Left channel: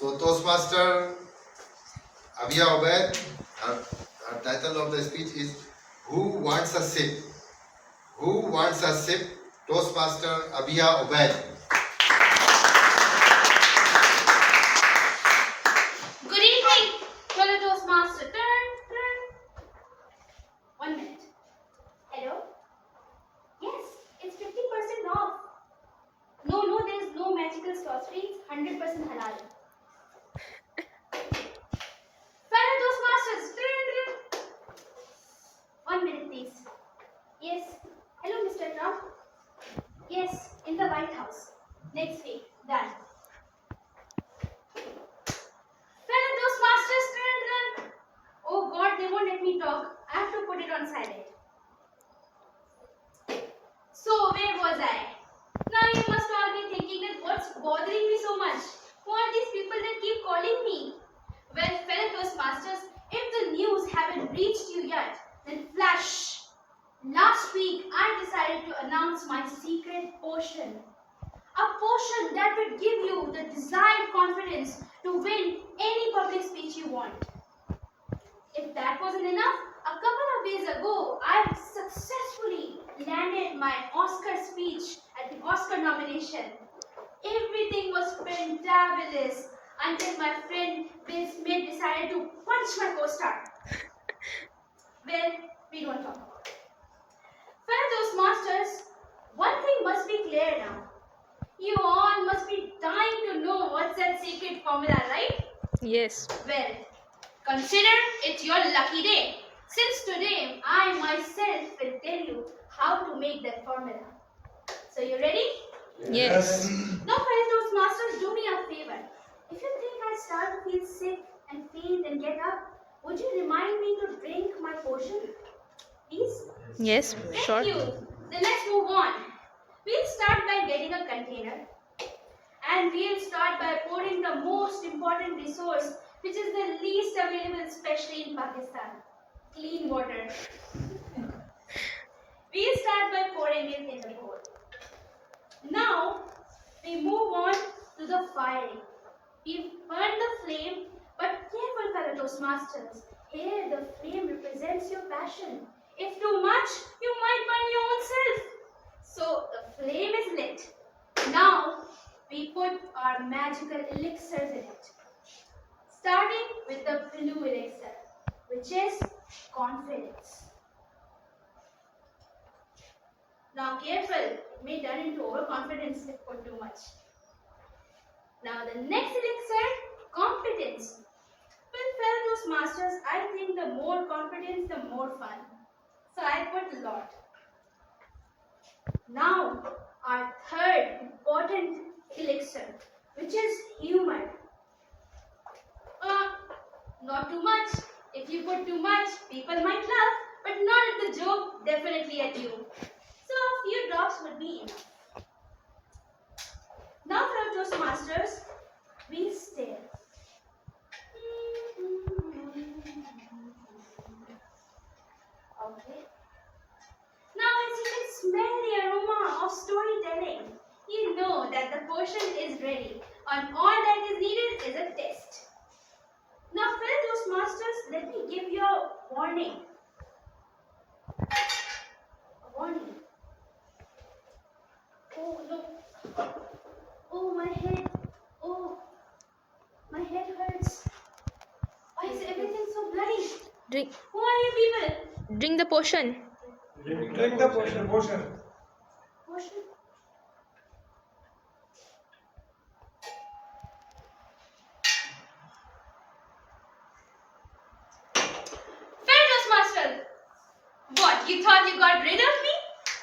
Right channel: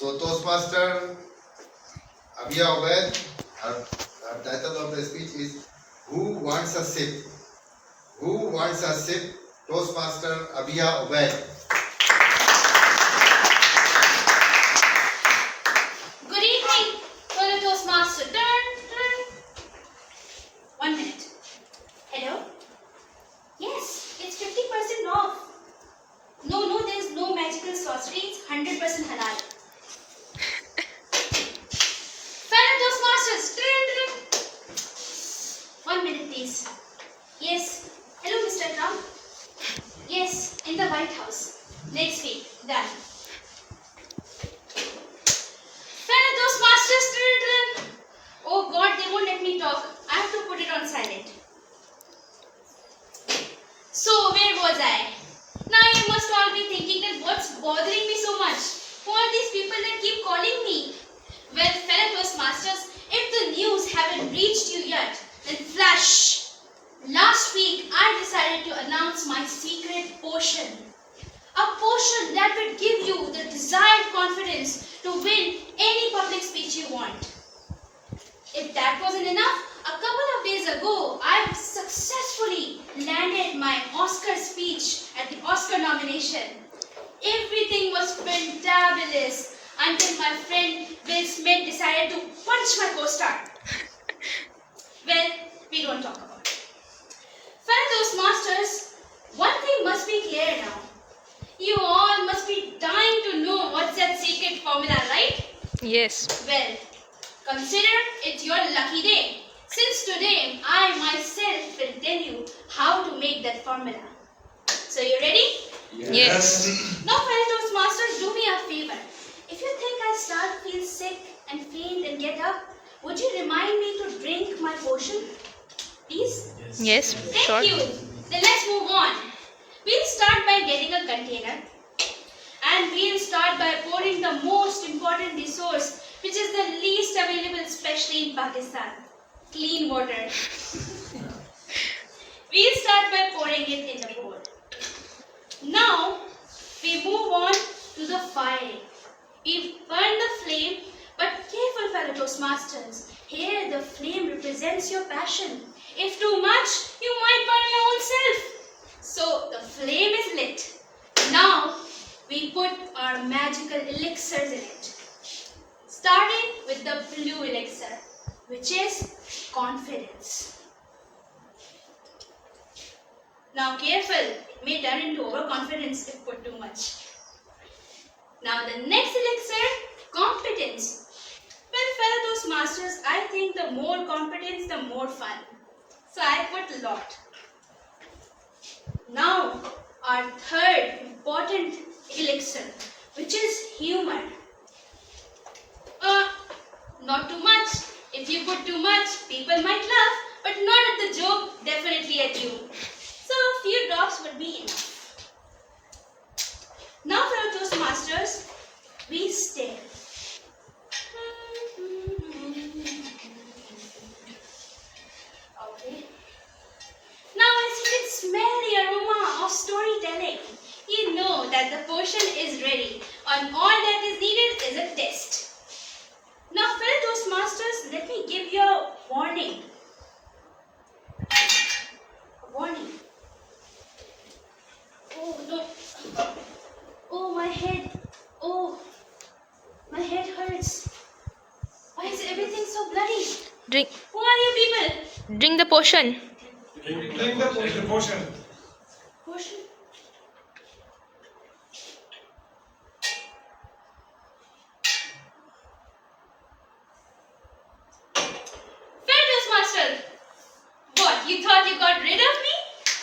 So Toastmaster Abhiya Obaid, our title of the speech is Who Wants a Sip? Who wants a sip? Toastmaster Abhiya Obaid. Good evening, fellow Toastmaster. Turn. 1 minute. Hello? Yes, it's 50% off. No, there's no magical sorcery. It's 100% halal. Fellow Toastmasters. Turn. 1 minute, please. Yes. Hello, Mr. Trump. Yes, in the White House. Next week. Done. Fellow Toastmasters. Turn. Oh God, they won't let me talk. I have to put it on silent. So, where was I? Now you must all be thinking that what's bothering me so much? Who are these people that keep calling me? Well, fellow Toastmasters, if the news haven't reached you yet, then flash! Last week, I decided to announce my secret potion. A potion that would give you the desired confidence to win any public speech you want. If that wasn't enough, a couple of days ago, I successfully landed my Oscar speech at the Oscar nomination. Everything was fantabulous until my friend Will Smith decided to punch my co-star. Well, we don't talk about it. Fellow Toastmasters, one thing must be clear now. You all must be dying to know what's that secret formula, right? Yes. Well, consider it your lucky day. Since today, I myself will tell you how to make that formula. So, you ready? Yes. Now, fellow Toastmasters, do me a favor. If you think I start to feel sick and faint and get up, would you remind me to drink my potion? Please? Yes. Thank Sure. you. Then let's move on. We'll start by getting a container. And we'll start by pouring the most important resource, which is the least available, especially in Pakistan. Clean water. We'll start by pouring it in the bowl. Now, we move on to the firing. We've burned the flame, but careful, fellow Toastmasters. Here, the flame represents your passion. If too much, you might burn your own self. So, the flame is lit. Now, we put our magical elixirs in it. Starting with the blue elixir, which is confidence. Now careful, it may turn into overconfidence if put too much. Now the next elixir, competence. Well, fellow Toastmasters, I think the more competence, the more fun. So I put a lot. Now our third important elixir, which is humor. Not too much. If you put too much, people might laugh, but not at the joke, definitely at you. So a few drops would be enough. Now, fellow Toastmasters, we stare. Okay. Now, as you can smell the aroma of storytelling, you know that the potion is ready, and all that is needed is a test. Now, fellow Toastmasters, let me give you a warning. A warning. Oh no. Oh, my head. Oh, my head hurts. Why is everything so bloody? Drink. Who are you people? Drink the potion. Drink the potion. Potion? Fellow Toastmasters, what, you thought you got rid of me?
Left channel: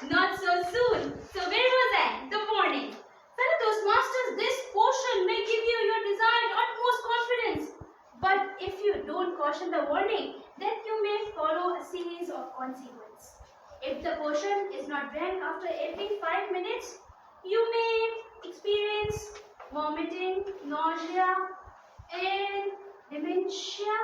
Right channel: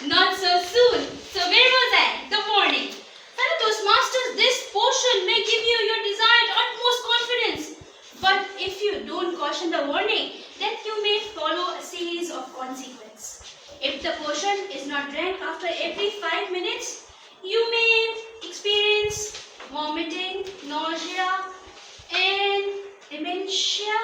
Not so soon. So where was I? The warning. Fellow Toastmasters, this potion may give you your desired utmost confidence. But if you don't caution the warning, then you may follow a series of consequences. If the potion is not drank after every 5 minutes, you may experience vomiting, nausea, and dementia.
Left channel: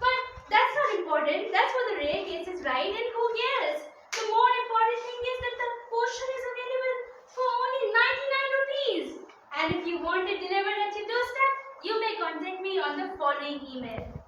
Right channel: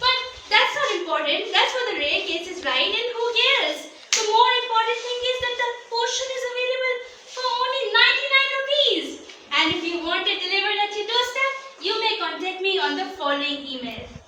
But that's not important. That's for the rare cases, right? And who cares? The more important thing is that the potion is available for only 99 rupees. And if you want it delivered at your doorstep, you following email.